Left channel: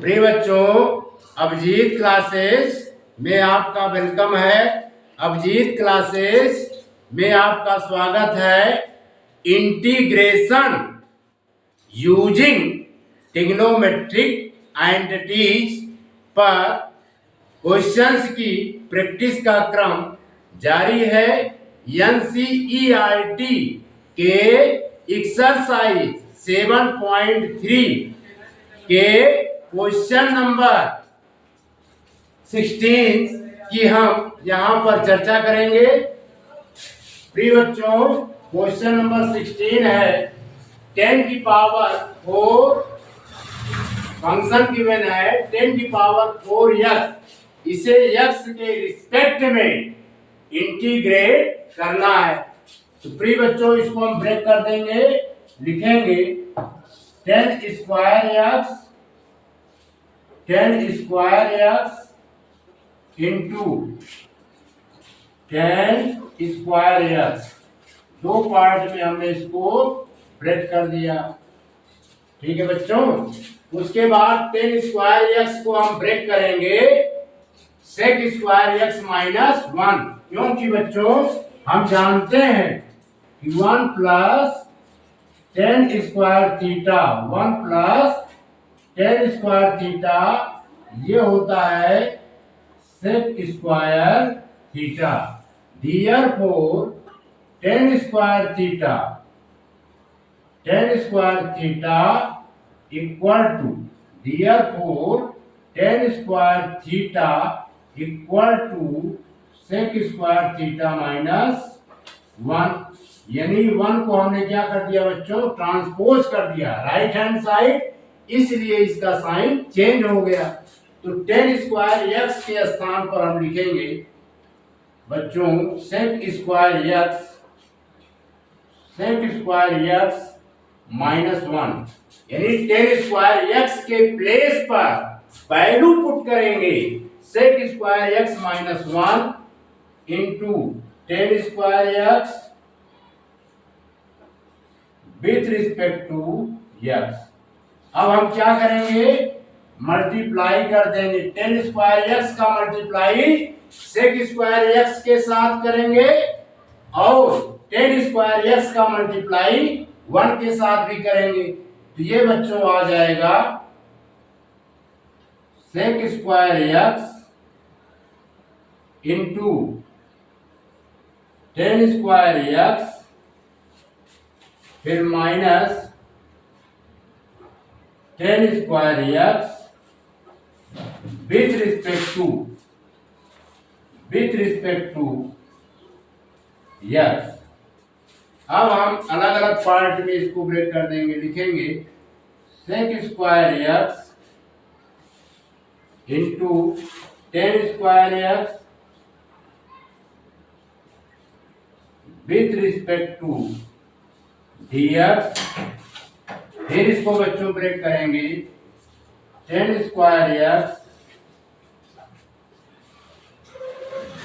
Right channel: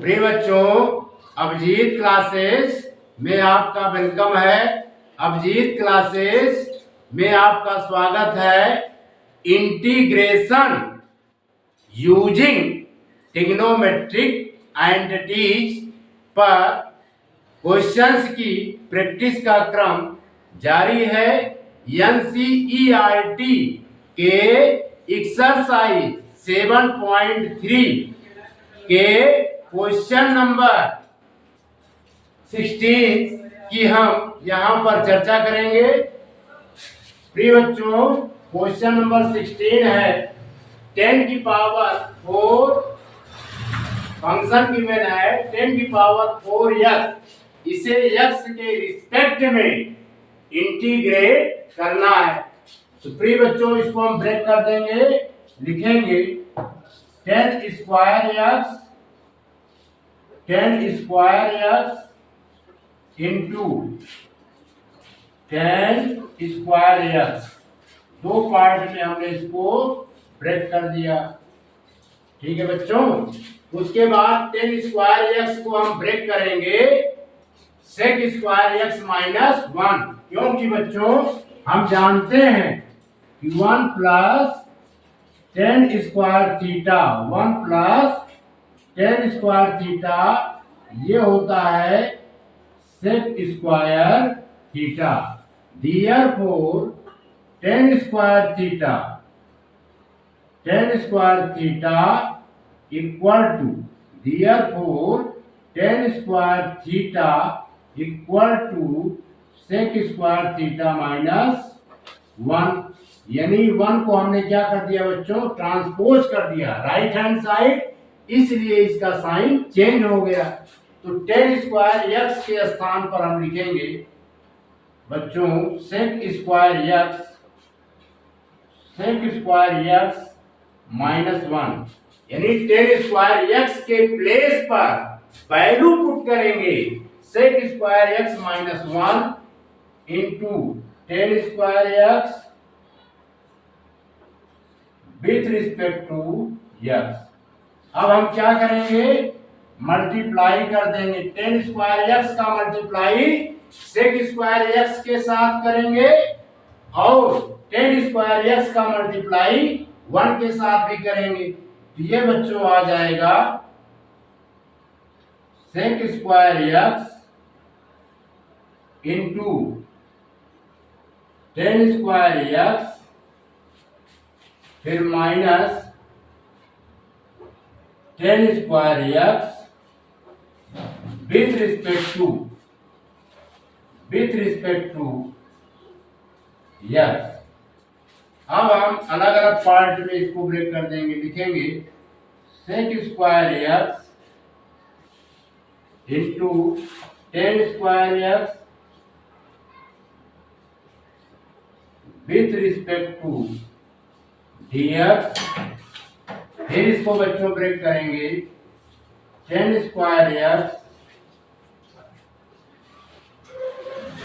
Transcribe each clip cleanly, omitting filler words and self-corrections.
प्रिय बच्चों, अभिजीत क्लासेस में आपका वेलकम है। अभिजीत क्लासेस में आपका स्वागत है। इंटीग्रेशन यूजिंग ट्रिग्नोमेट्रिक आइडेंटिटीज पर क्वेश्चंस की प्रैक्टिस का क्रम जारी है। एनसीईआरटी के एक्सरसाइज 7.3 के क्वेश्चन नंबर 16 की हम यहाँ पर चर्चा करेंगे। प्रिय बच्चों, क्वेश्चन नंबर 16 है 10 की पावर 4 फंक्शन गिवन है 10 की पावर 4 इसे x के रिस्पेक्ट में इंटीग्रेट करना है। तो प्रिय बच्चों, इसको हम ब्रेक कर देंगे, लिखेंगे 10 square x into 10 square x। दो पार्ट में हमने इसको ब्रेक कर दिया। ठीक है बच्चों, उसके बाद 10 स्क्वायर x को हम ब्रेक करेंगे sec स्क्वायर x माइनस 1, क्योंकि बच्चों हम जानते हैं कि 1 plus 10 square theta 1 plus 10 square theta ये होता है sec square theta. Therefore 10 square theta equal to sec square theta minus 1। यानी 1 को हमने क्या कर दिया बच्चों, ट्रांसपोज कर दिया राइट हैंड साइड, इसलिए इसका साइन चेंज हो गया। तो 10 स्क्वायर x के स्थान पर हम लिखेंगे बच्चों sec स्क्वायर x माइनस 1, यानी 10 स्क्वायर x के प्लेस पर वैल्यू पुट करेंगे sec square x minus 1 into 10 square x with respect to x। अब हम क्या करेंगे, मल्टीप्लाई कर देंगे 10 स्क्वायर x का मल्टीप्लाई sec स्क्वायर x के साथ करेंगे और 10 स्क्वायर x का मल्टीप्लाई 1 के साथ भी करेंगे। तो ये बच्चों आ जाएगा sec square x into 10 square x फिर minus 10 square x with respect to x। अब हम अलग अलग पार्ट में इसको ब्रेक कर देंगे, लिखेंगे sec square x into 10 square x with respect to dx। फिर इसको बच्चों ब्रेक करेंगे 10 square x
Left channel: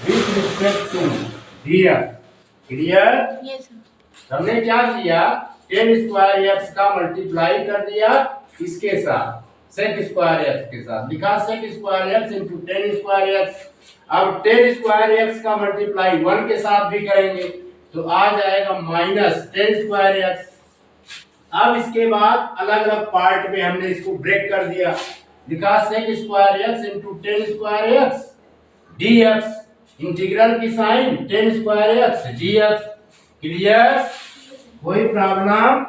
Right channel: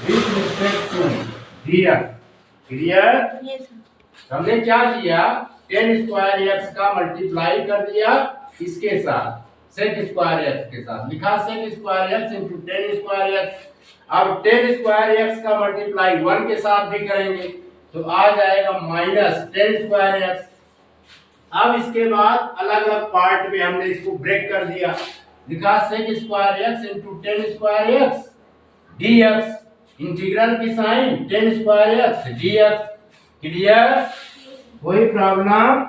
with respect to dx। Clear? हमने क्या किया, 10 स्क्वायर x का मल्टीप्लाई कर दिया इसके साथ sec स्क्वायर x के साथ, लिखा sec square x into 10 square x। अब 10 स्क्वायर x का मल्टीप्लाई 1 के साथ भी करेंगे तो आ जाएगा माइनस 10 स्क्वायर x। अब इसके बाद अलग अलग पार्ट में हमने इसको ब्रेक कर दिया, लिखा sec square x into 10 square x dx। Integral की sign 10 square x dx। Clear? कोई प्रॉब्लम?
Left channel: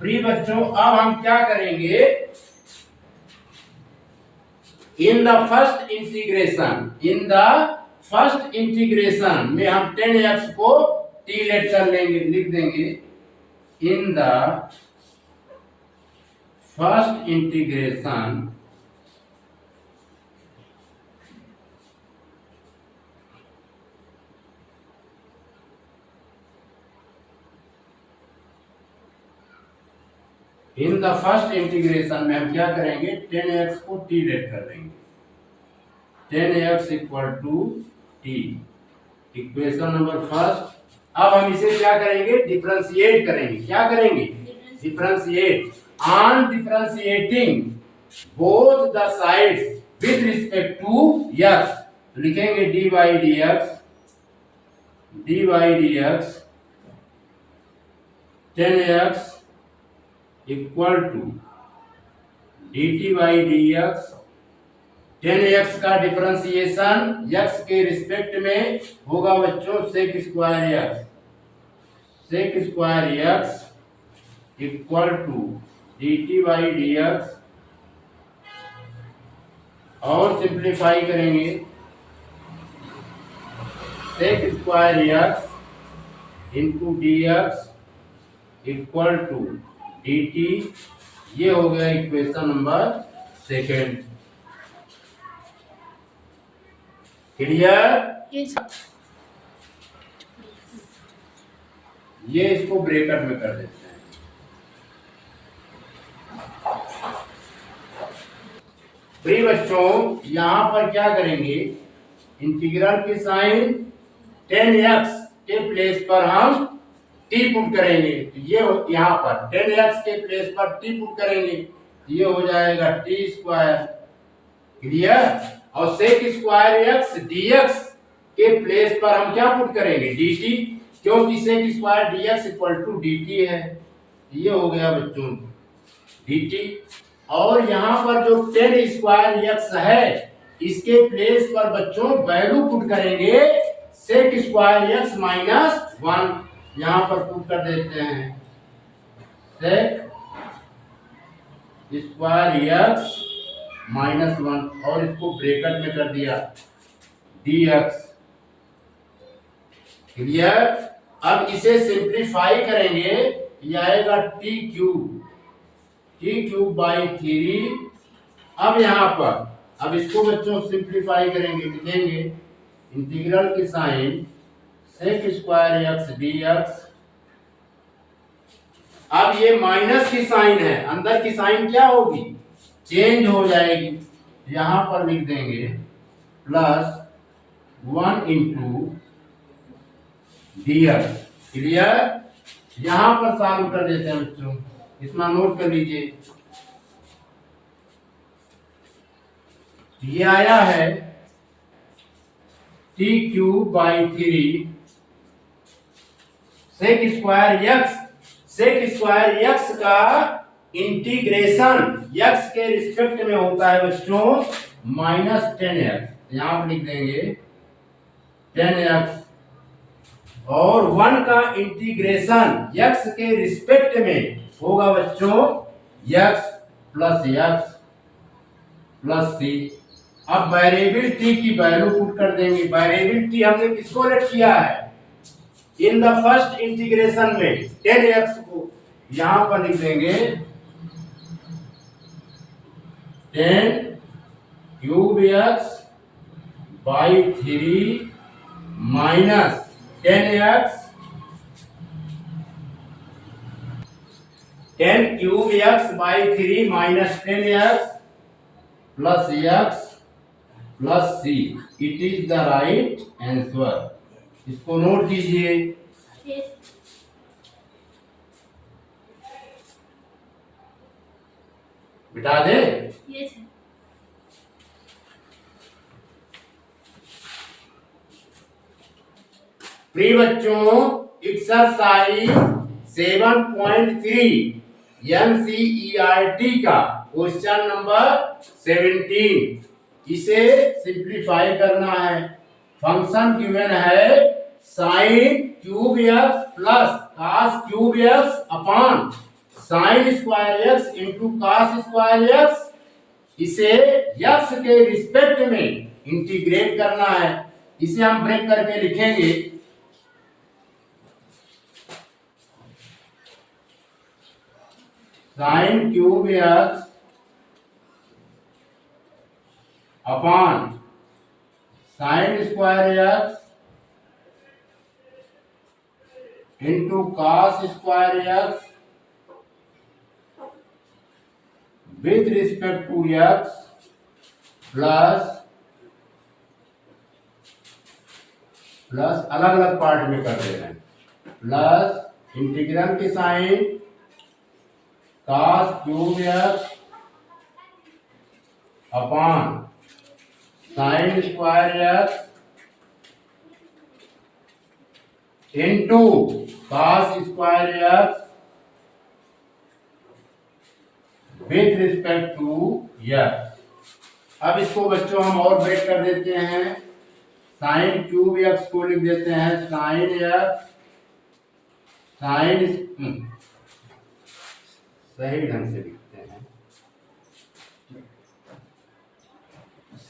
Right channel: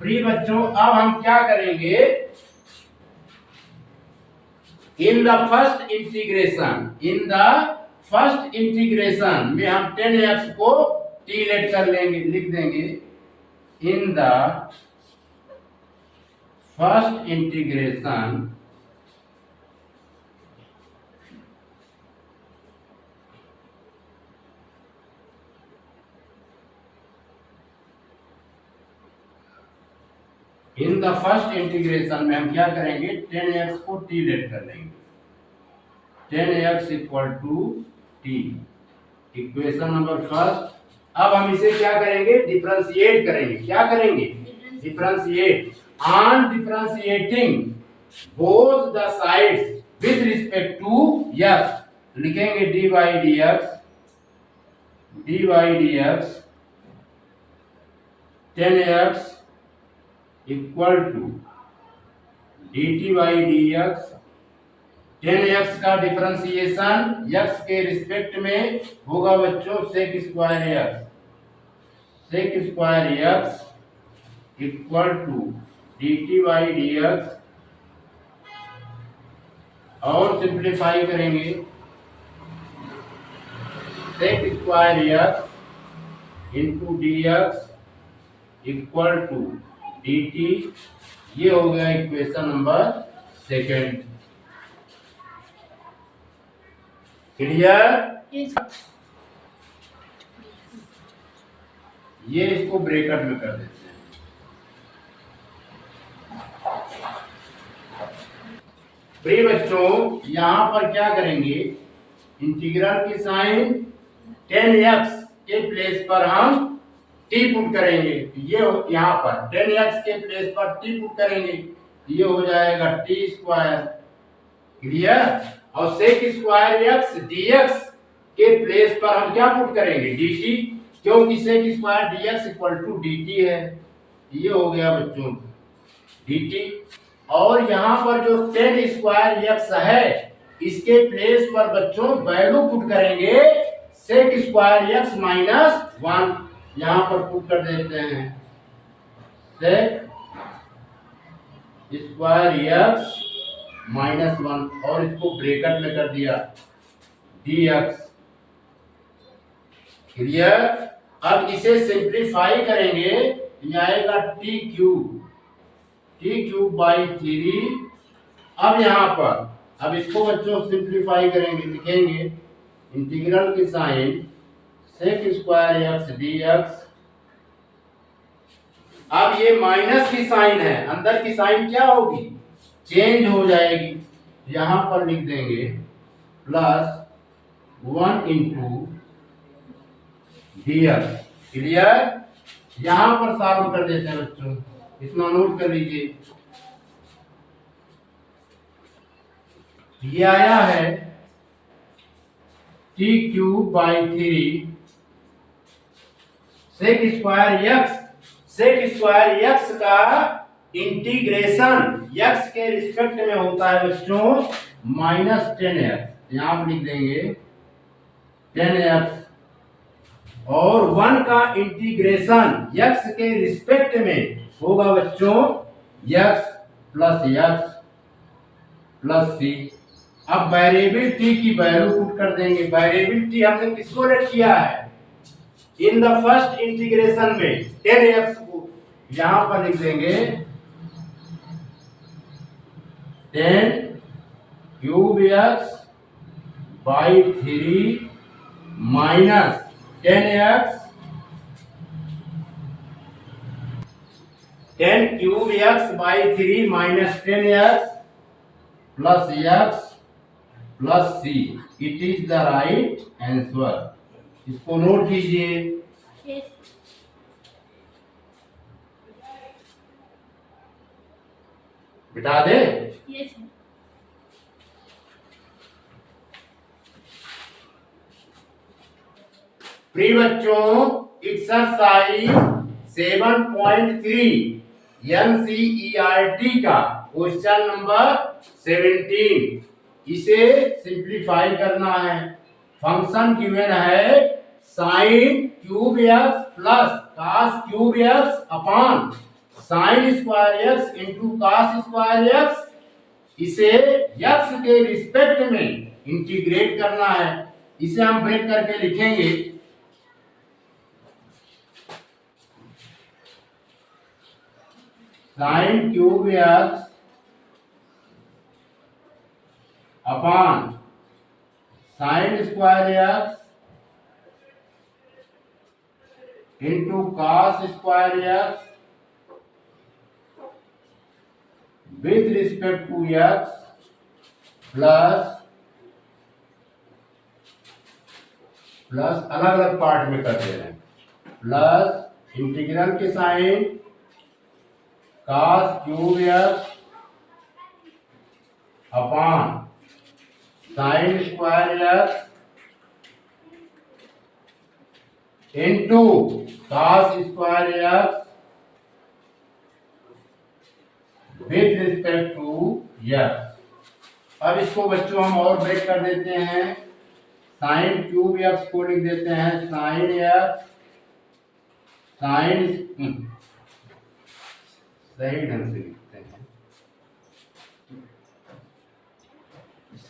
प्रिय बच्चों, अब हम क्या करेंगे, इन द फर्स्ट इंटीग्रेशन में हम 10x को t लेट कर लेंगे, लिख देंगे इन द फर्स्ट इंटीग्रेशन में हम क्या करेंगे, 10x को t लेट कर लेंगे, 10x equal to t। Equation number first. अब हम इसे क्या करेंगे, डिफरेंशिएट करेंगे। क्या करेंगे, differentiate. On differentiating both the sides with respect to x, लिखेंगे dy dx 10x equal to dt by dx। 10x का डिफरेंशिएशन x के रिस्पेक्ट में होगा बच्चों sec square x equal to dt by dx, और सिंप्लीफाई करेंगे sec square x into dx equal to dt। ये हो गया इक्वेशन नंबर सेकेंड। क्लियर? ये इसको ब्रैकेट में कर देते हैं। प्रिय बच्चों, यहां पर क्या करेंगे, इंटीग्रल की साइन 10x के प्लेस पर हम t पुट करेंगे। ये यहाँ पर 10x के प्लेस पर t पुट करेंगे, ये हो जाएगा t स्क्वायर। क्लियर? और सेक स्क्वायर x dx के प्लेस पर हम क्या पुट करेंगे, dt, क्योंकि sec square dx equal to dt है। ये हो गया बच्चों dt। और यहाँ पर जो 10 स्क्वायर x है, इसके प्लेस पर बच्चों वैल्यू पुट करेंगे सेक स्क्वायर x माइनस 1, यहाँ पर पुट कर देते हैं सेक स्क्वायर x माइनस 1, और इसको ब्रैकेट में कर दिया dx। क्लियर? अब इसे सिंप्लीफाई करेंगे, ये आएगा t क्यूब बाई 3। अब यहाँ पर अब इसको बच्चों सिंप्लीफाई करेंगे, लिखेंगे इंटीग्रल की sign sec square x dx। अब ये माइनस की साइन है, अंदर की साइन क्या होगी, चेंज हो जाएगी। यहां पर लिख देंगे प्लस 1 इंटू dx। क्लियर? यहां पर सॉल्व कर देते हैं बच्चों, इतना नोट कर लीजिए। ये आया है t cube by 3 sec square x का इंटीग्रेशन x के रिस्पेक्ट में होता है बच्चों माइनस 10x, यहां पर लिख देंगे 10x, और 1 का इंटीग्रेशन x के रिस्पेक्ट में होगा बच्चों x प्लस c। अब वेरिएबल t की वैल्यू पुट कर देंगे। वेरिएबल t हमने किसको लेट किया है, इन द फर्स्ट इंटीग्रेशन में 10x को, यहां पर लिख देंगे 10 cube x by 3 minus 10x, 10 cube x by 3 minus 10x plus x plus c। It is the right answer. इसको नोट कीजिए। बिठा दे। प्रिय बच्चों, एक्सरसाइज 7.3 NCERT का क्वेश्चन नंबर 17, इसे सिंप्लीफाई करना है। फंक्शन गिवन है sign cube x plus cos cube x upon sine square x into cos square x। इसे x के रिस्पेक्ट में इंटीग्रेट करना है। इसे हम ब्रेक करके लिखेंगे sine cube x upon sine square x into cos square x with respect to x plus अलग अलग पार्ट में कर दे रहे हैं, प्लस इंटीग्रल की sign cos cube x upon sine square x into cos square x with respect to x. अब इसको बच्चों हम और ब्रेक कर देते हैं, साइन क्यूब एक्स को लिख देते हैं साइन एक्स साइन सही ढंग से लिखते हैं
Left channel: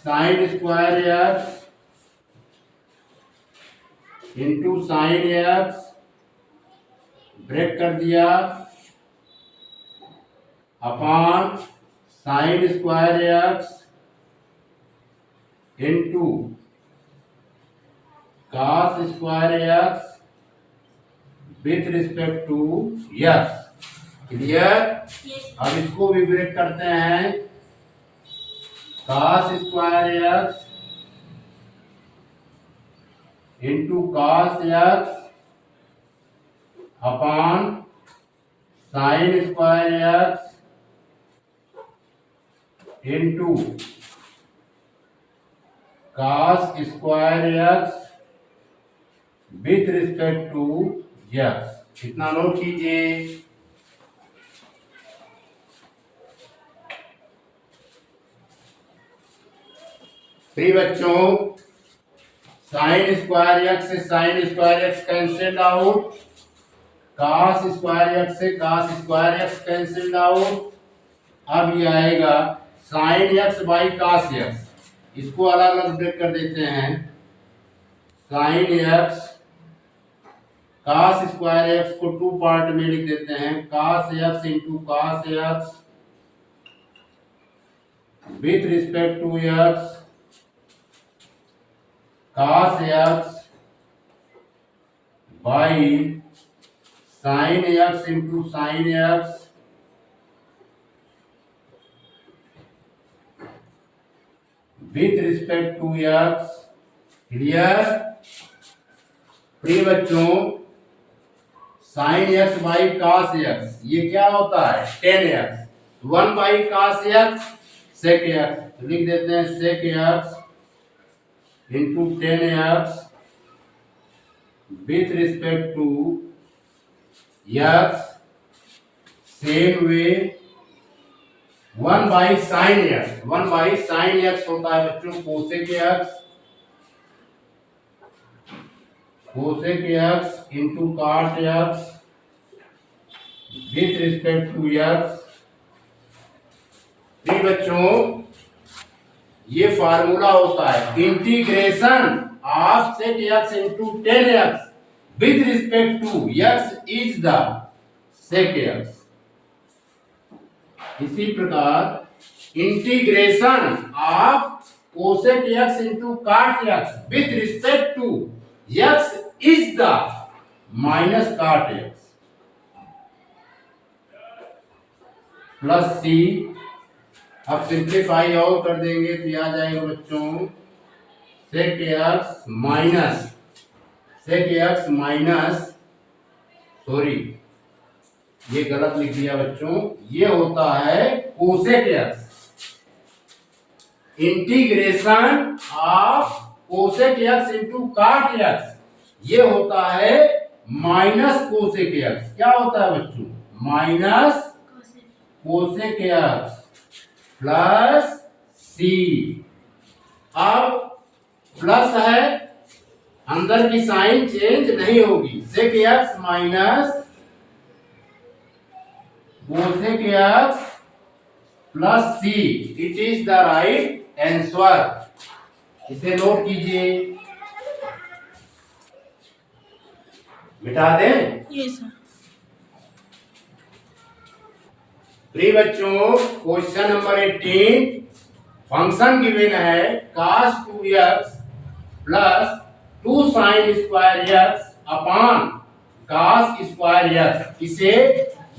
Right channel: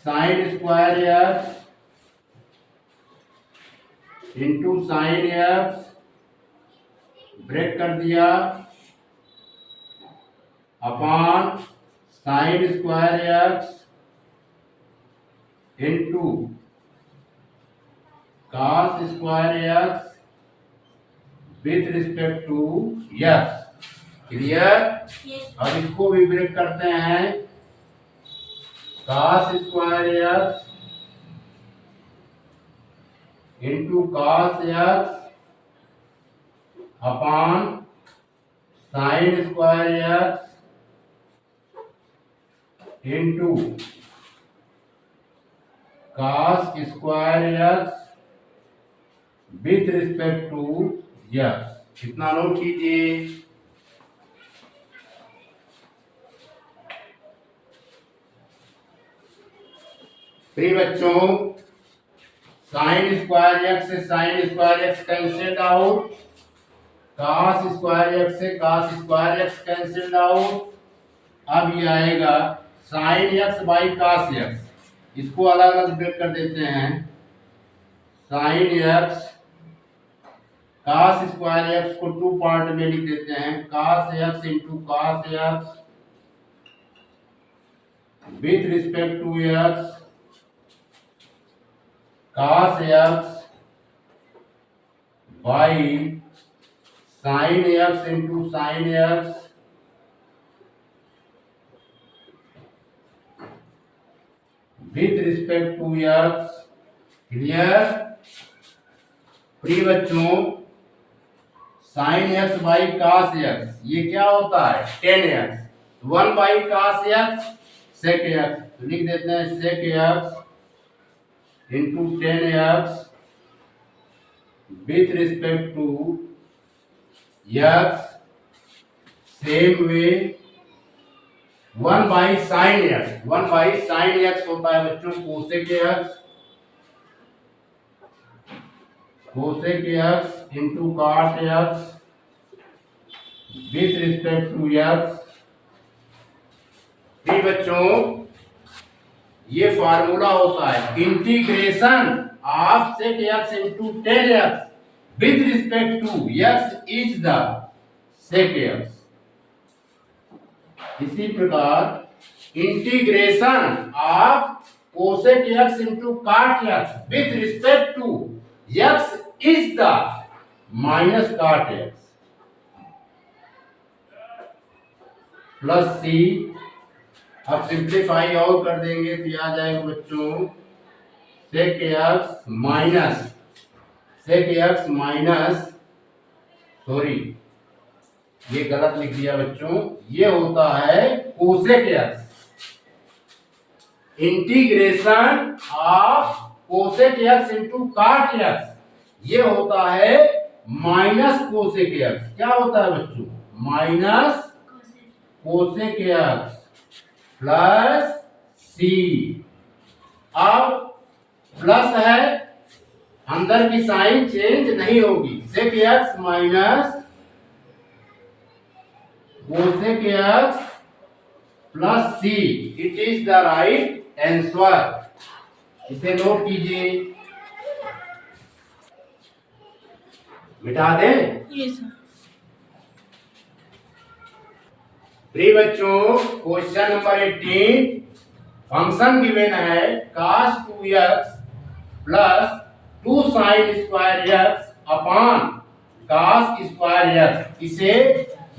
sine square x into sine x break कर दिया upon sine square x into cos square x with respect to x. Clear? अब इसको भी ब्रेक करते हैं, cos square x into cos x upon sine square x into cos square x with respect to x. कितना note कीजिए, प्रिय बच्चों sine square x से sine square x cancelled out, cos square x से cos square x cancelled out. अब ये आएगा sine x by cos x, इसको अलग अलग ब्रेक कर देते हैं, sine x cos square x को टू पार्ट में लिख देते हैं, cos x into cos x with respect to x cos x by sin x into sin x with respect to x। Clear? प्रिय बच्चों sin x by cos x ये क्या होता है, tan x, 1 by cos x sec x, लिख देते हैं sec x into tan x with respect to x। Same way 1 by sin x, 1 by sin x होता है बच्चों cosec x, cosec x into cot x with respect to x। ठीक बच्चों ये formula होता है integration of sec x into tan x with respect to x is the sec x। इसी प्रकार integration of cosec x into cot x with respect to x is the minus cot x plus c। अब simplify और कर देंगे तो आ जाएगा बच्चों sec x minus sorry ये गलत लिख दिया बच्चों, ये होता है cosec x, integration of cosec x into cot x ये होता है माइनस cosec x। क्या होता है बच्चों, माइनस cosec x प्लस सी। अब प्लस है, अंदर की साइन चेंज नहीं होगी, sec x minus cosec x plus C, it is the right answer. इसे नोट कीजिए, मिटा दें? Yes sir. प्रिय बच्चों क्वेश्चन नंबर 18, फंक्शन गिवन है cos 2x plus 2 sin square x upon cos square x। इसे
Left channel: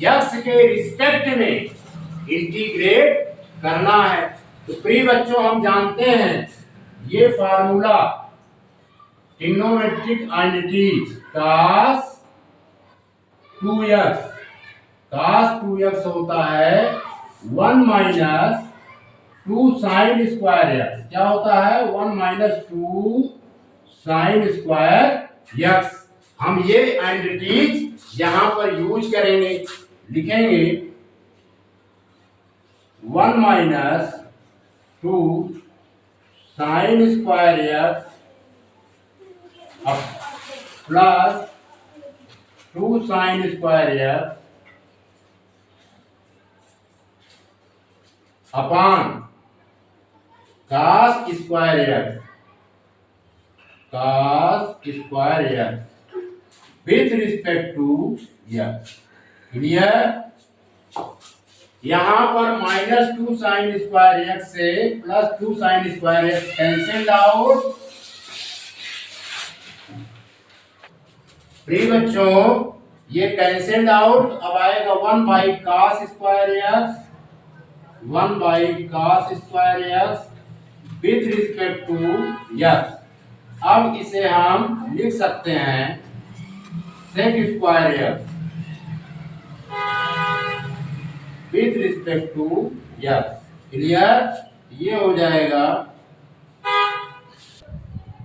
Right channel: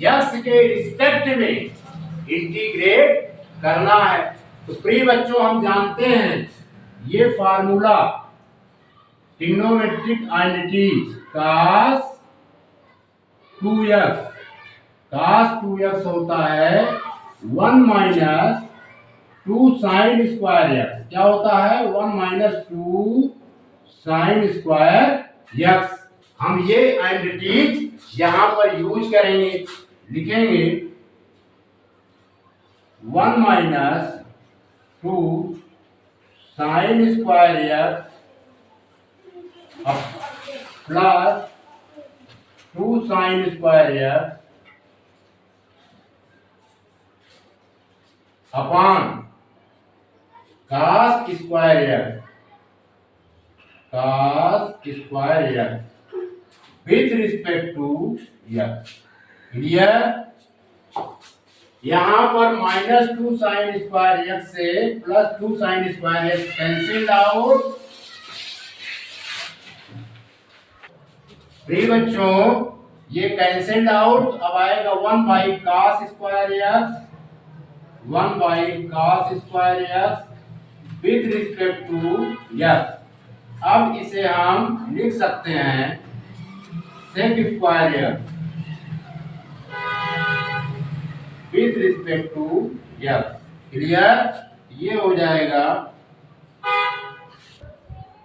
x के रिस्पेक्ट में इंटीग्रेट करना है। तो प्रिय बच्चों हम जानते हैं ये formula trigonometric identities cos 2x होता है 1 minus two sine square x क्या होता है 1 minus two sine square x. हम ये आइडेंटिटीज यहां पर यूज करेंगे, लिखेंगे 1 minus two sine square x plus two sine square x upon cos square x with respect to x. Clear. यहां पर minus two sine square x से plus two sine square x cancel out. प्रिय बच्चों ये cancel out, अब आएगा 1 by cos square x, 1 by cos square x with respect to x. अब इसे हम लिख सकते हैं sec square x with respect to x. Clear. ये हो जाएगा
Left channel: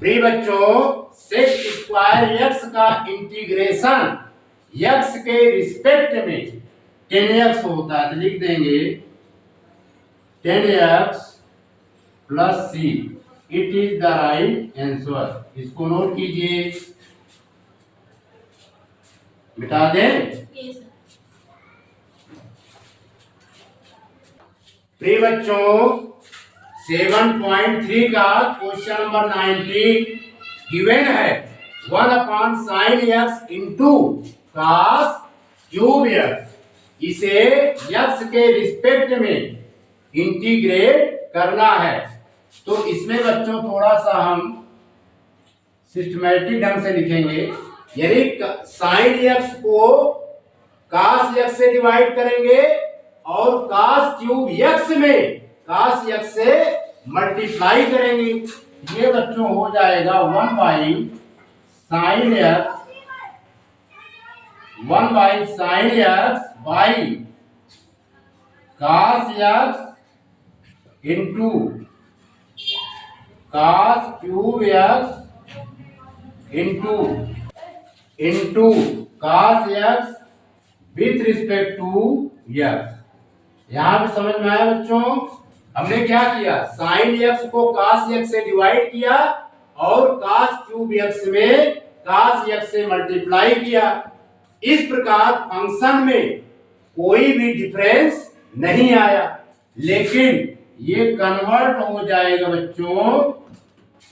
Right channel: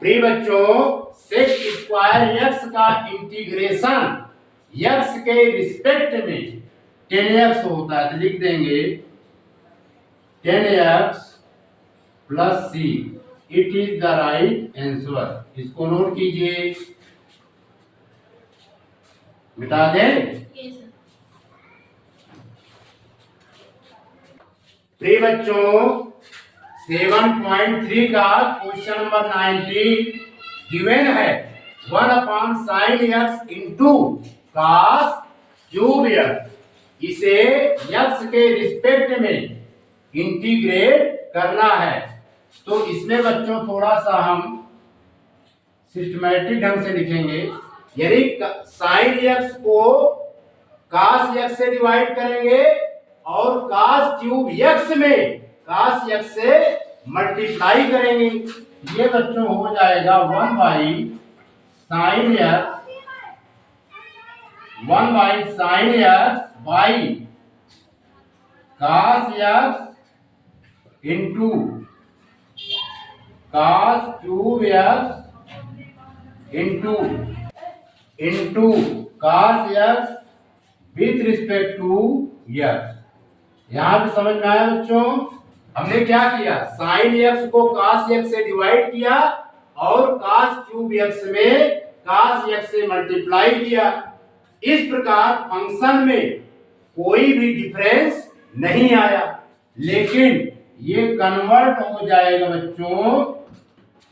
प्रिय बच्चों सेक स्क्वायर एक्स का इंटीग्रेशन एक्स के रिस्पेक्ट में 10x होता है, तो लिख देंगे 10x plus C. It is the right answer. इसको नोट कीजिए, मिटा दें। प्रिय बच्चों 7.3 का क्वेश्चन नंबर 19 गिवन है 1 upon sine x into cos cube x. इसे एक्स के रिस्पेक्ट में इंटीग्रेट करना है। तो इसमें बच्चों थोड़ा सा हम सिस्टमैटिक ढंग से लिखेंगे। यदि साइन एक्स को कॉस एक्स से डिवाइड करेंगे और कॉस क्यूब एक्स में कॉस एक्स से मल्टीप्लाई करेंगे, ये बच्चों हो जाएगा 1 by sine x, 1 by sine x by cos x into cos cube x into cos x with respect to x. यहां पे समझ में आया बच्चों। हमने क्या किया, साइन एक्स को cos एक्स से डिवाइड किया और cos क्यूब एक्स में cos एक्स से मल्टीप्लाई किया। इस प्रकार फंक्शन में कोई भी डिफरेंस नहीं आया, लेकिन ये कन्वर्ट हो जाएगा बच्चों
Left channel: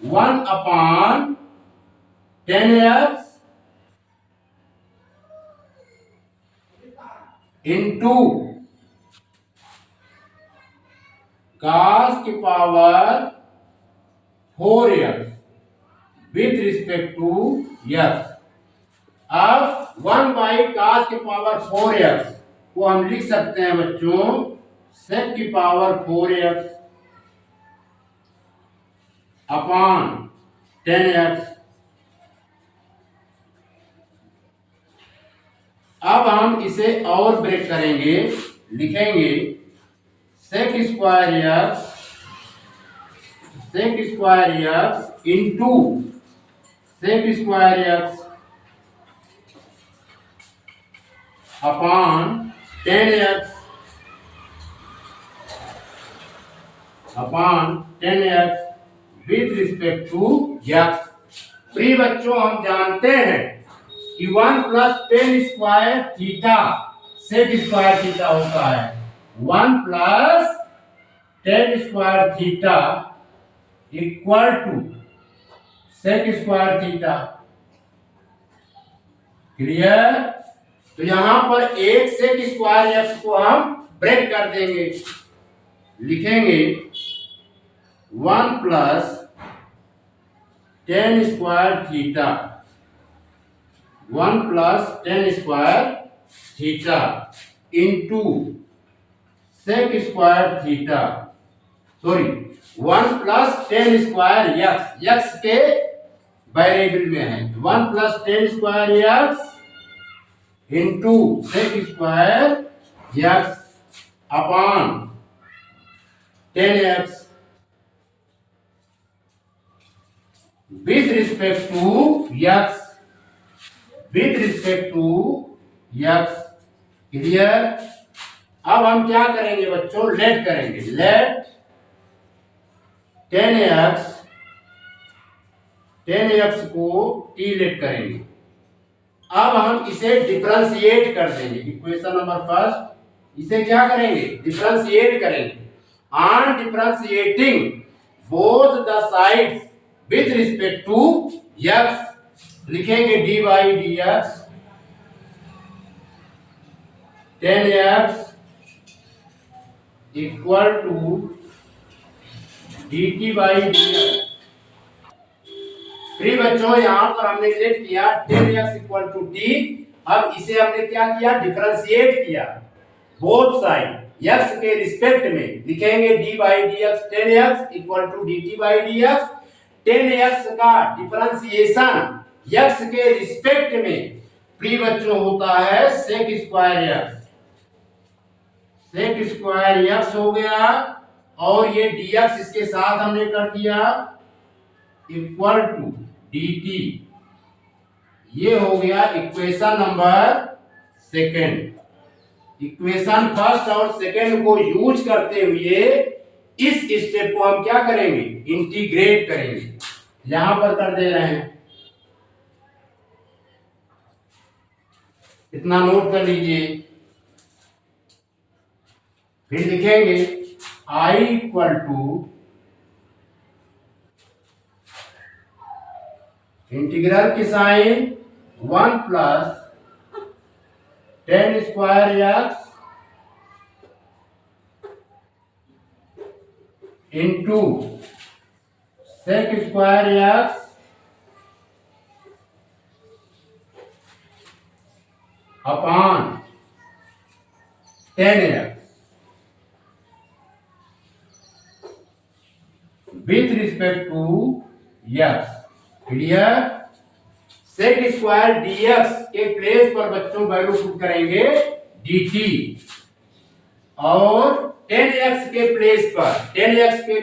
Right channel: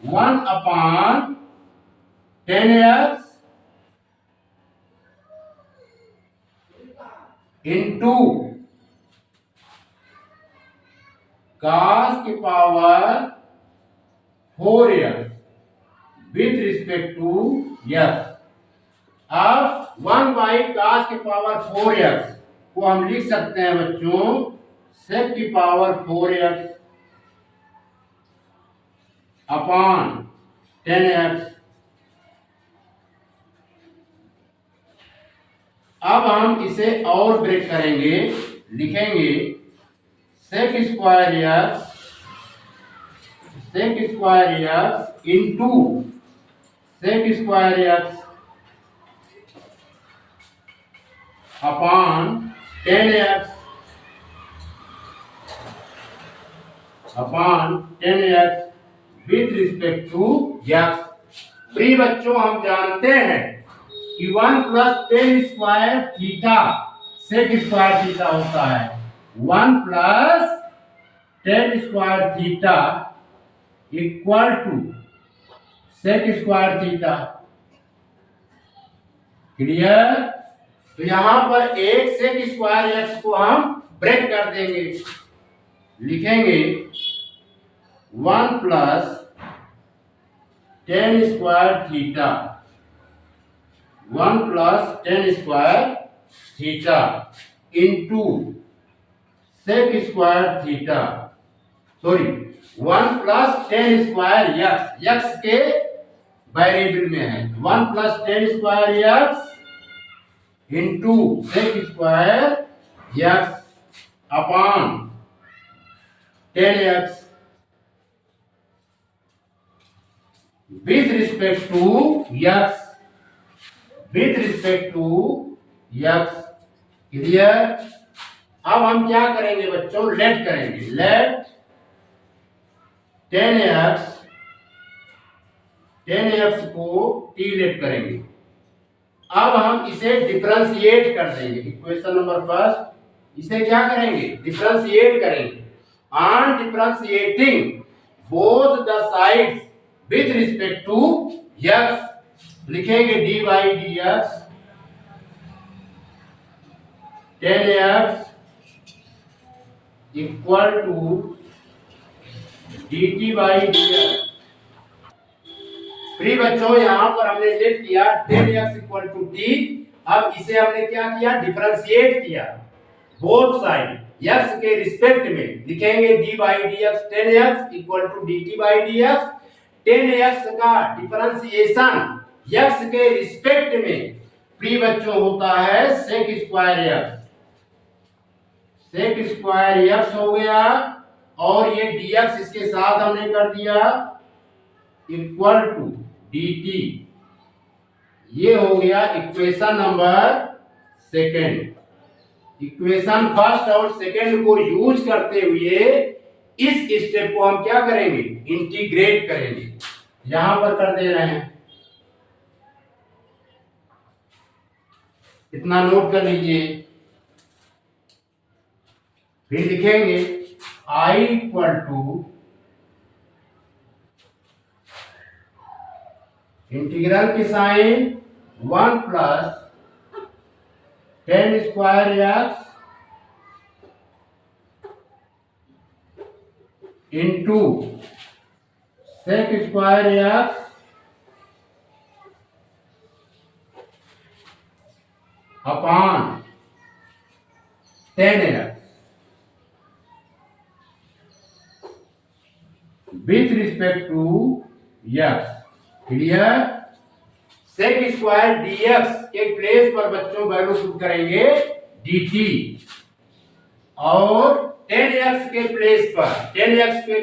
1 अपॉन 10x इंटू cos की power 4x with respect to x। अब 1 बाई cos की पावर 4x को हम लिख सकते हैं बच्चों sec की पावर 4x अपॉन 10x। अब हम इसे और ब्रेक करेंगे, लिखेंगे sec square x into sec square x upon 10x with respect to x. प्रिय बच्चों हम जानते हैं कि 1 plus 10 square theta sec square theta होता है। 1 plus 10 square theta equal to sec square theta. Clear. तो यहां पर एक सेक स्क्वायर एक्स को हम ब्रेक कर देंगे, लिखेंगे 1 plus 10 square theta, 1 plus 10 square theta into sec square theta, sorry 1 plus 10 square x, x के वेरिएबल में है 1 plus 10 square x into sec square x upon 10x with respect to x, with respect to x। Clear. अब हम क्या करेंगे बच्चों, late करेंगे, late 10x, 10x को t लेट करेंगे। अब हम इसे डिफरेंशिएट कर देंगे, इक्वेशन नंबर फर्स्ट, इसे क्या करेंगे, डिफरेंशिएट करेंगे। On differentiating both the sides with respect to x, लिखेंगे dy dx 10x equal to dt by dx। फ्री बच्चों, यहां पर हमने लेट किया 10x इक्वल टू t। अब इसे हमने क्या किया, डिफरेंशिएट किया बोथ साइड x के रिस्पेक्ट में, लिखेंगे d by dx 10x equal to dt by dx। 10x का डिफरेंशिएशन x के रिस्पेक्ट में फ्री बच्चों होता है sec square x, sec square x हो गया, और ये dx इसके साथ हमने कर दिया इक्वल टू dt। ये हो गया equation number second. Equation first और सेकंड को यूज करते हुए इस स्टेप को हम क्या करेंगे, इंटीग्रेट करेंगे। यहां पर कर दे रहे हैं, इतना नोट कर लीजिए। फिर लिखेंगे i इक्वल टू इंटीग्रल की sign 1 plus 10 square x into sec square x upon 10x with respect to x। Clear. Sec square dx के प्लेस पर बच्चों वैल्यू पुट करेंगे dt, और 10x के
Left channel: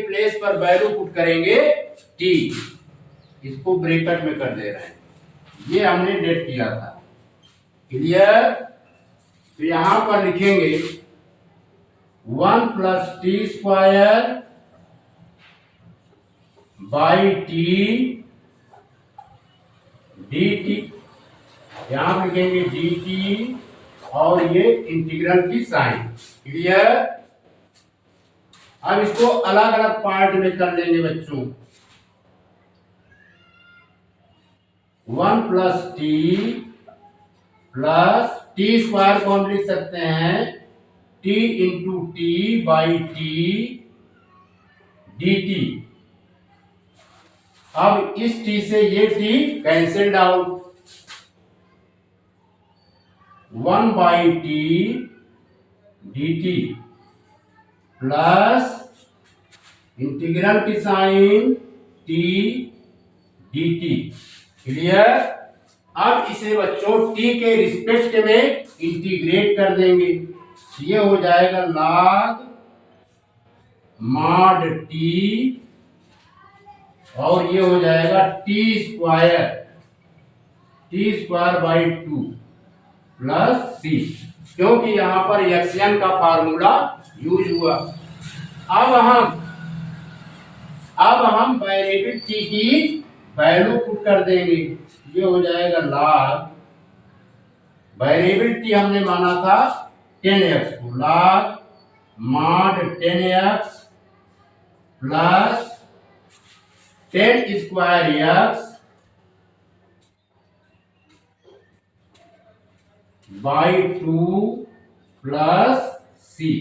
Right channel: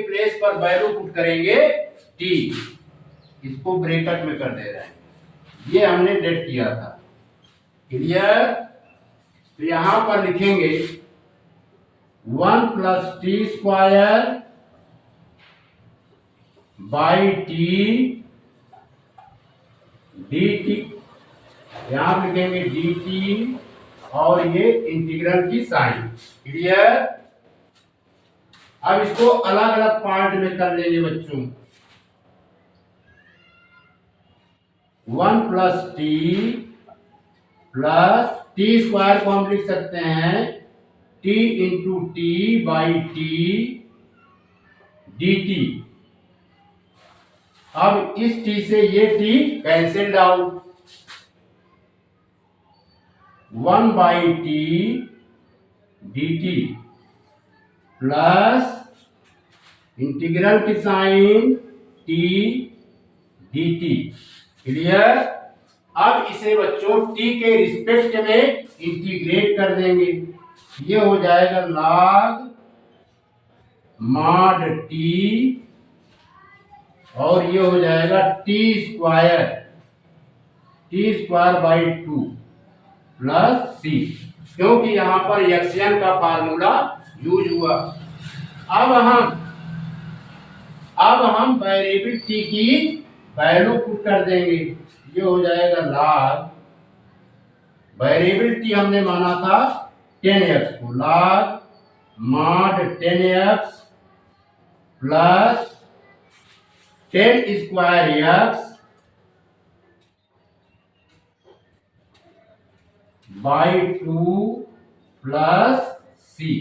प्लेस पर वैल्यू पुट करेंगे t। इसको ब्रैकेट में कर दे रहे हैं, ये हमने डेट किया था। क्लियर। तो यहां पर लिखेंगे 1 plus T square by T dt, यहां लिखेंगे dt, और ये इंटीग्रल की साइन। क्लियर। अब इसको अलग अलग पार्ट में कर लेंगे बच्चों। 1 प्लस टी स्क्वायर को हम लिख सकते हैं t into T by T dt। अब इस t से ये t cancelled out, 1 by T dt plus integral की साइन t dt। क्लियर। अब इसे बच्चों t के रिस्पेक्ट में इंटीग्रेट कर देंगे, ये हो जाएगा log मॉड t, और ये हो जाएगा टी स्क्वायर बाई 2 प्लस सी, क्योंकि यहां पर एक्सएन का फार्मूला यूज हुआ। अब हम वेरिएबल टी की वैल्यू पुट कर देंगे, ये हो जाएगा log, वेरिएबल टी हमने माना था 10x को, log mod 10x plus 10 square x by 2 plus C.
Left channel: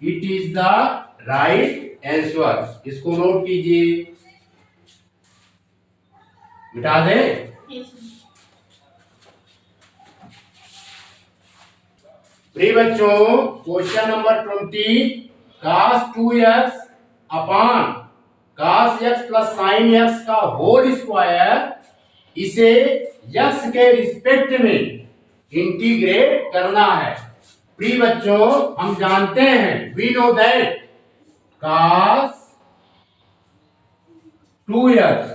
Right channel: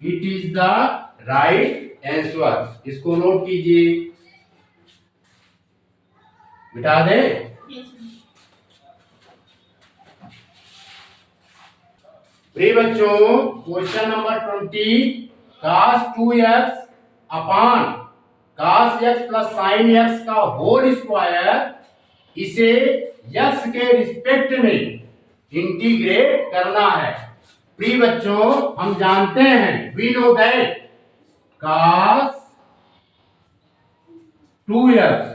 It is the right answer. इसको नोट कीजिए, मिटा दें। प्रिय बच्चों, question number 20, cos 2x upon cos x plus sin x का होल स्क्वायर, इसे x के रिस्पेक्ट में इंटीग्रेट करना है। प्रिय बच्चों, हम जानते हैं, we know that cos 2x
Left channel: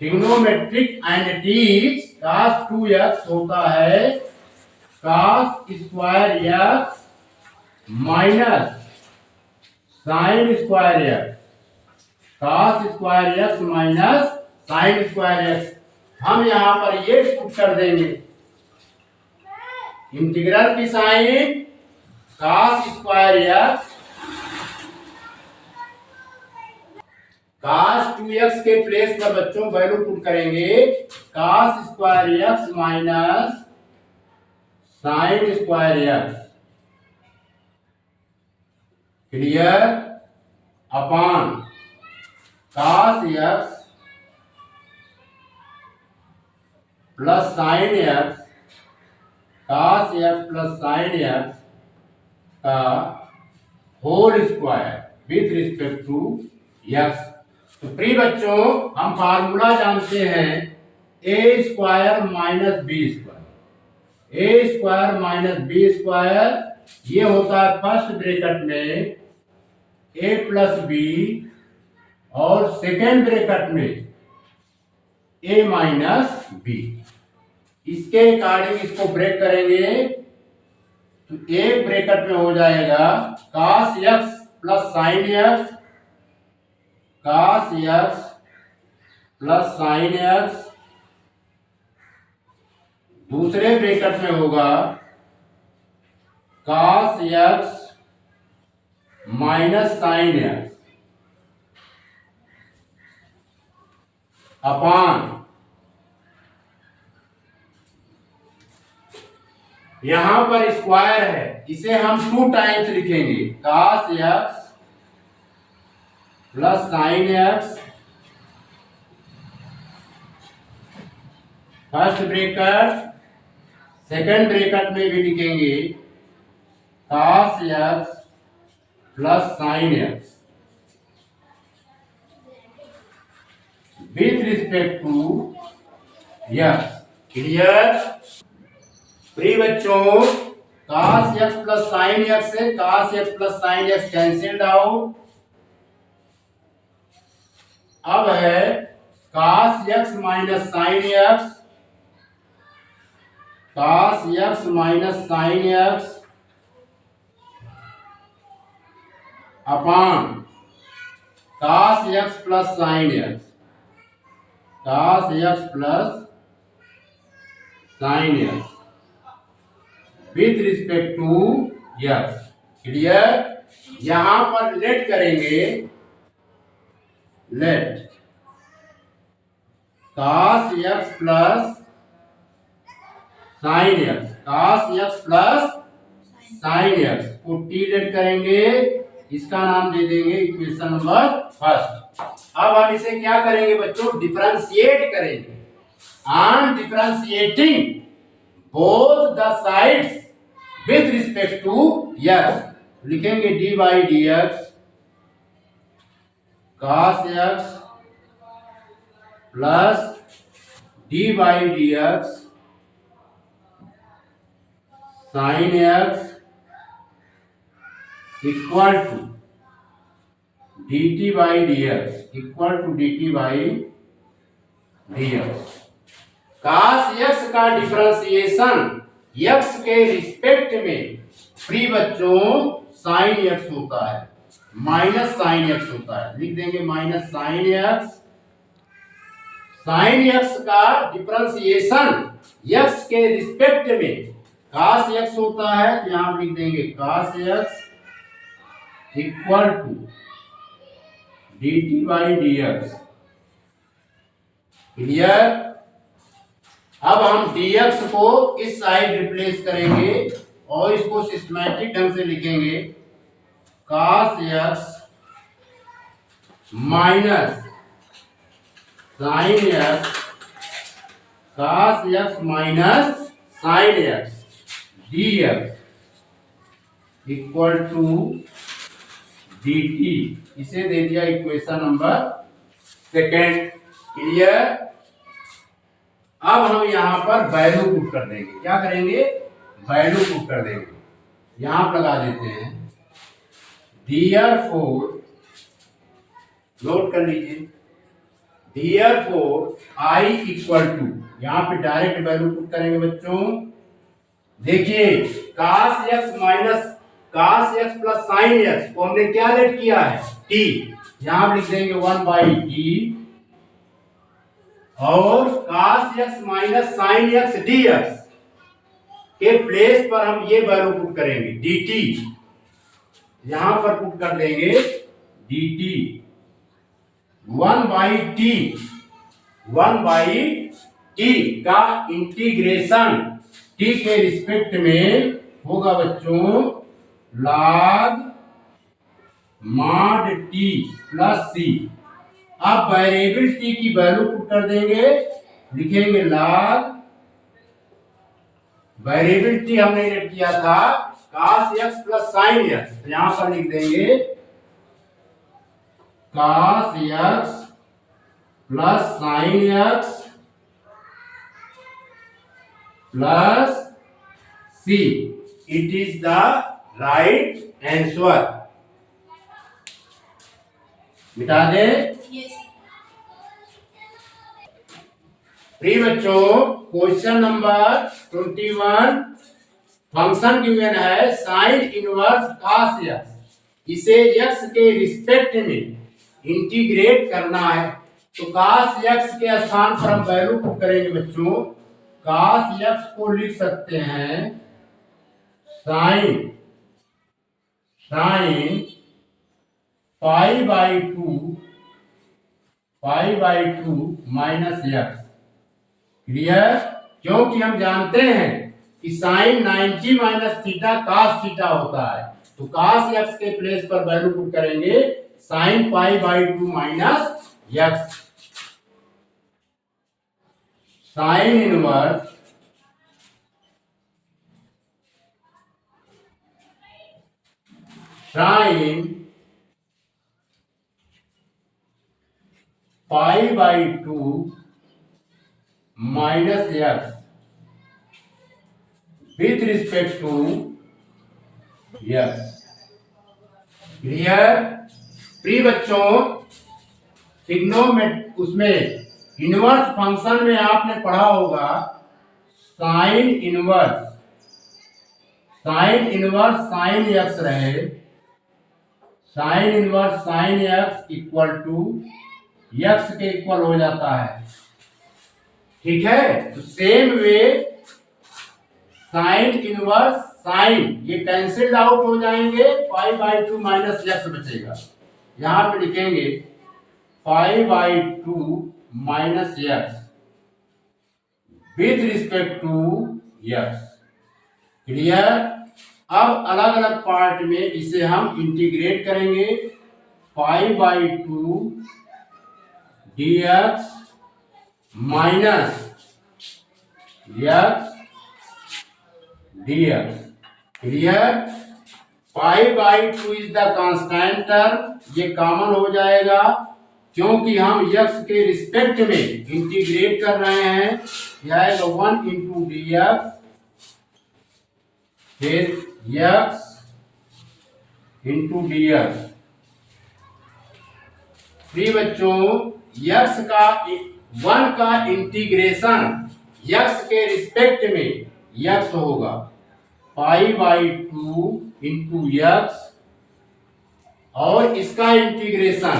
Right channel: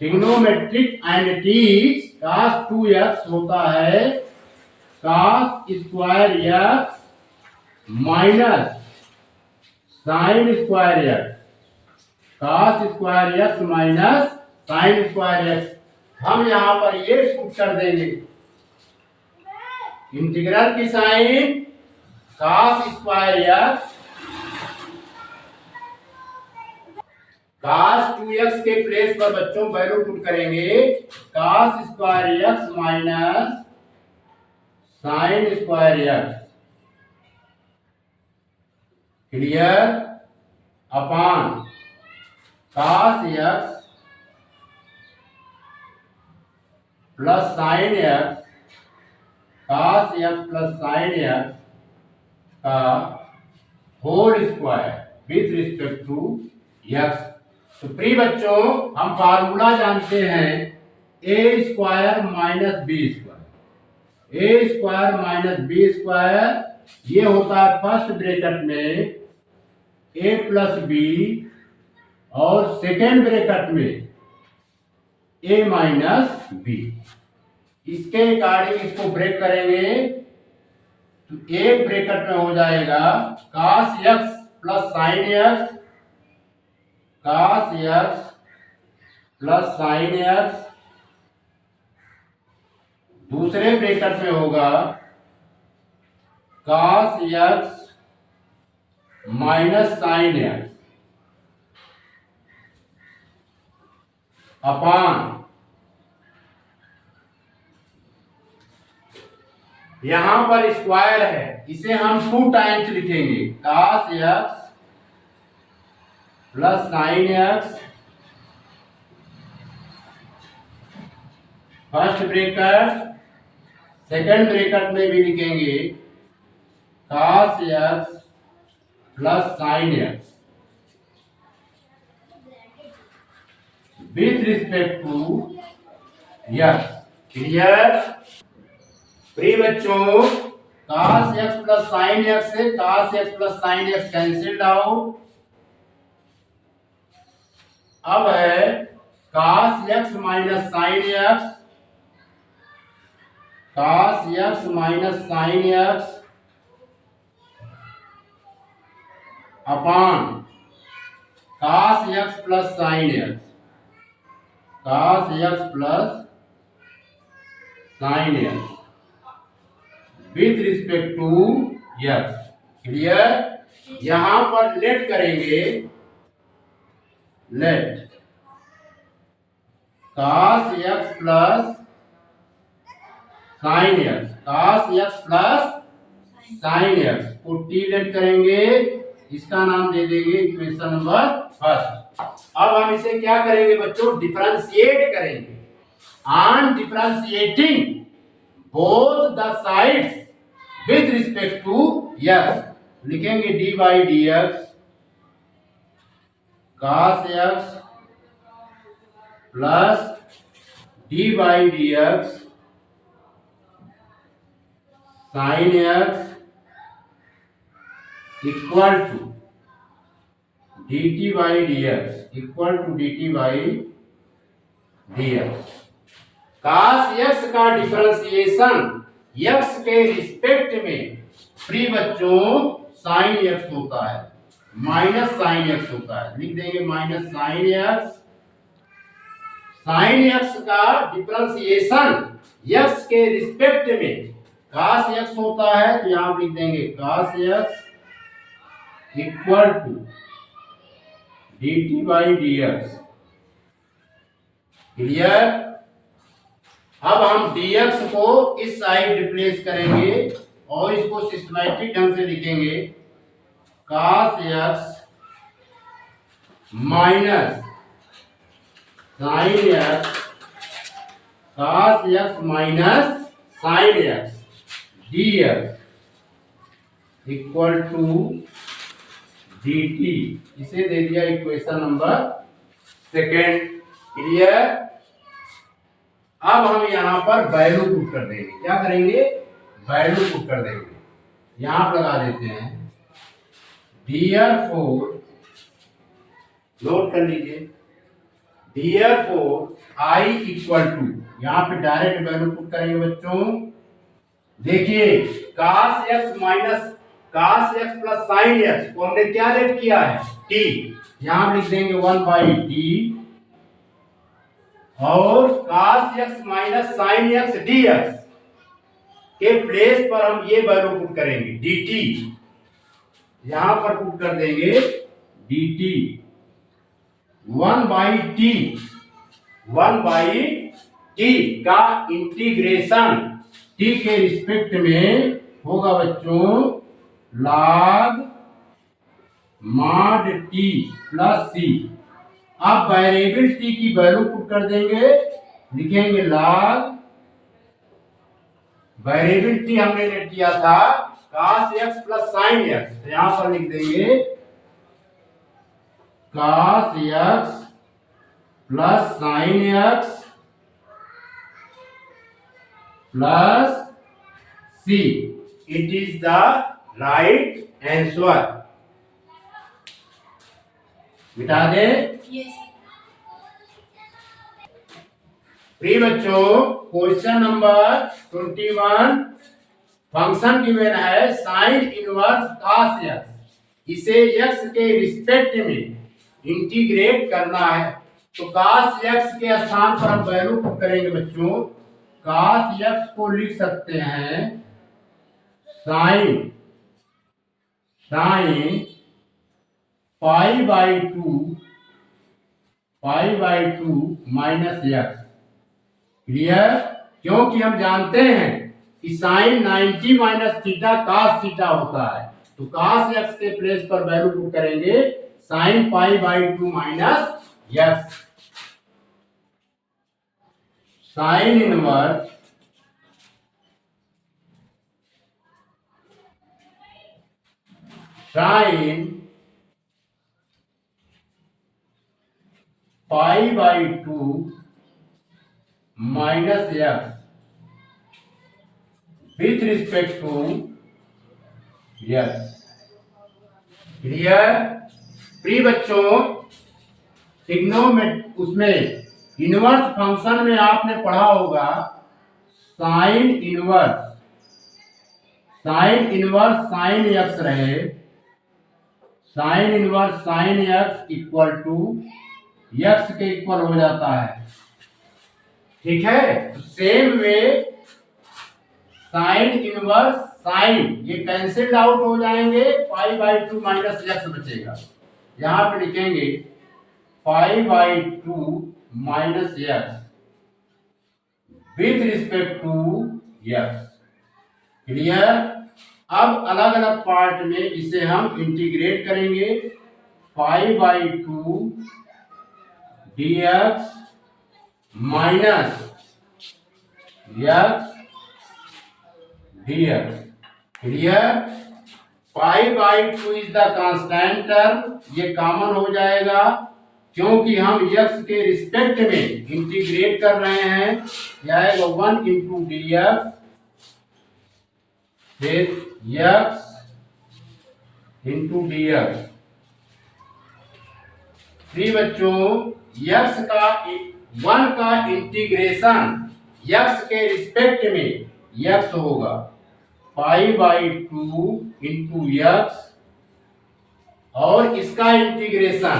trigonometric identities cos 2x होता है cos square x minus sine square x, cos square x minus sine square x। हम यहां पर ये पुट कर देंगे इंटीग्रल की sign cos square x cos 2x के प्लेस पर बच्चों वैल्यू पुट करेंगे cos square x minus sine square x, clear, upon cos x plus sine x, cos x plus sine x का whole square with respect to x। तो प्रिय बच्चों हम formula जानते हैं A square minus B square, A square minus B square ये होता है फर्स्ट ब्रैकेट में ए प्लस बी और सेकेंड ब्रैकेट में ए माइनस बी। इसके अकॉर्डिंग इसको ब्रेक करेंगे तो एक ब्रैकेट में हो जाएगा cos x plus sine x, cos x plus sine x, दूसरे ब्रैकेट में होगा cos x minus sine x upon यहां पर स्क्वायर है इसे हम 2 टाइम्स लिखेंगे cos x plus sine x, first bracket, second bracket में भी लिखेंगे cos x plus sine x with respect to x, clear. प्रिय बच्चों cos x plus sine x से cos x plus sine x cancelled out. अब है cos x minus sine x, cos x minus sine x upon cos x plus sine x, cos x plus sine x with respect to x, clear. यहां पर late करेंगे, let cos x plus sine x, cos x plus sine x को T let करेंगे, इसका नाम दे देंगे equation number first. अब हम इसे क्या करेंगे बच्चों, डिफरेंशिएट करेंगे। On differentiating both the sides with respect to x लिखेंगे dy dx cos x plus dy dx sin x equal to dt by dx equal to dt by dx। cos x का differentiation x के respect में प्रिय बच्चों sin x होता है, minus sine x होता है, लिख देंगे minus sine x। Sine x का डिफरेंशिएशन x के रिस्पेक्ट में cos x होता है, तो यहां लिख देंगे cos x equal to dt by dx, clear. अब हम dx को इस साइड रिप्लेस करेंगे और इसको सिस्टमैटिक ढंग से लिखेंगे cos x minus sine x, cos x minus sine x dx equal to dt, इसे दे दिया इक्वेशन नंबर सेकेंड, क्लियर। अब हम यहां पर वैल्यू पुट कर देंगे, क्या करेंगे, वैल्यू पुट कर देंगे। यहां पर लगा देते हैं Therefore, नोट कर लीजिए, Therefore I इक्वल टू, यहाँ पे डायरेक्ट वैल्यू पुट करेंगे बच्चों। देखिए cos x minus cos x plus sin x को हमने क्या लेट किया है, t, यहाँ लिख देंगे 1/t, और cos x minus sin x dx के प्लेस पर हम ये वैल्यू पुट करेंगे dt, यहां पर पुट कर देंगे dt 1/t का इंटीग्रेशन t के रिस्पेक्ट में होगा बच्चों log mod t plus c। अब वेरिएबल t की वैल्यू पुट कर देंगे, लिखेंगे log, वेरिएबल t हमने लेट किया था cos x plus sin x, तो यहां पर लिख देंगे cos x plus sin x plus c। It is the right answer. मिटा दे। प्रिय बच्चों, क्वेश्चन नंबर 21, फंक्शन गिवन है साइन इनवर्स cos x, इसे x के रिस्पेक्ट में इंटीग्रेट करना है। तो cos x के स्थान पर हम वैल्यू पुट करेंगे बच्चों, cos x को लिख सकते हैं sine pi by two minus x। Clear? क्योंकि हम जानते हैं कि sine 90 minus theta cos theta होता है, तो cos x के प्लेस पर वैल्यू पुट करेंगे sine pi by two minus x। Sine inverse sine pi by two minus x with respect to x। Clear? प्रिय बच्चों, ट्रिग्नोमेट्री उसमें इनवर्स फंक्शन में आपने पढ़ा होगा साइन इनवर्स साइन x रहे, sine inverse sine x equal to x के इक्वल हो जाता है। ठीक है? तो same way sine inverse sine ये कैंसिल आउट हो जाएंगे, पाई/2 माइनस x बचेगा। यहां पे लिखेंगे pi by two minus x with respect to x। Clear? अब अलग अलग पार्ट में इसे हम इंटीग्रेट करेंगे, pi by two dx minus x dx। Clear? Pi by two is the constant term, ये कॉमन हो जाएगा क्योंकि हम x के रिस्पेक्ट में इंटीग्रेट कर रहे हैं। यह आएगा 1 इंटू dx फिर x इंटू dx। प्रिय बच्चों, x का 1 का इंटीग्रेशन x के रिस्पेक्ट में x होगा पाई/2 इंटू x, और इसका इंटीग्रेशन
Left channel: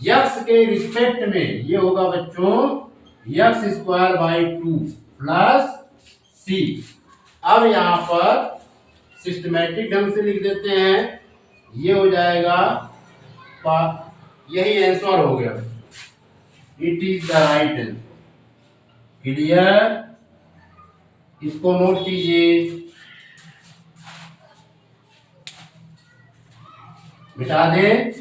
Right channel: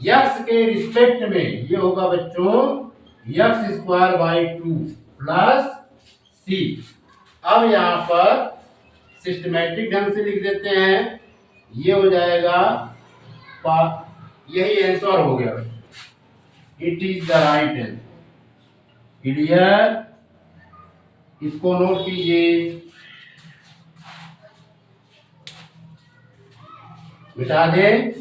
x के रिस्पेक्ट में ये होगा बच्चों x²/2 प्लस c। अब यहां पर सिस्टमैटिक ढंग से लिख देते हैं, ये हो जाएगा, यही आंसर हो गया। It is the right answer. Clear? इसको नोट कीजिए, मिटा दें।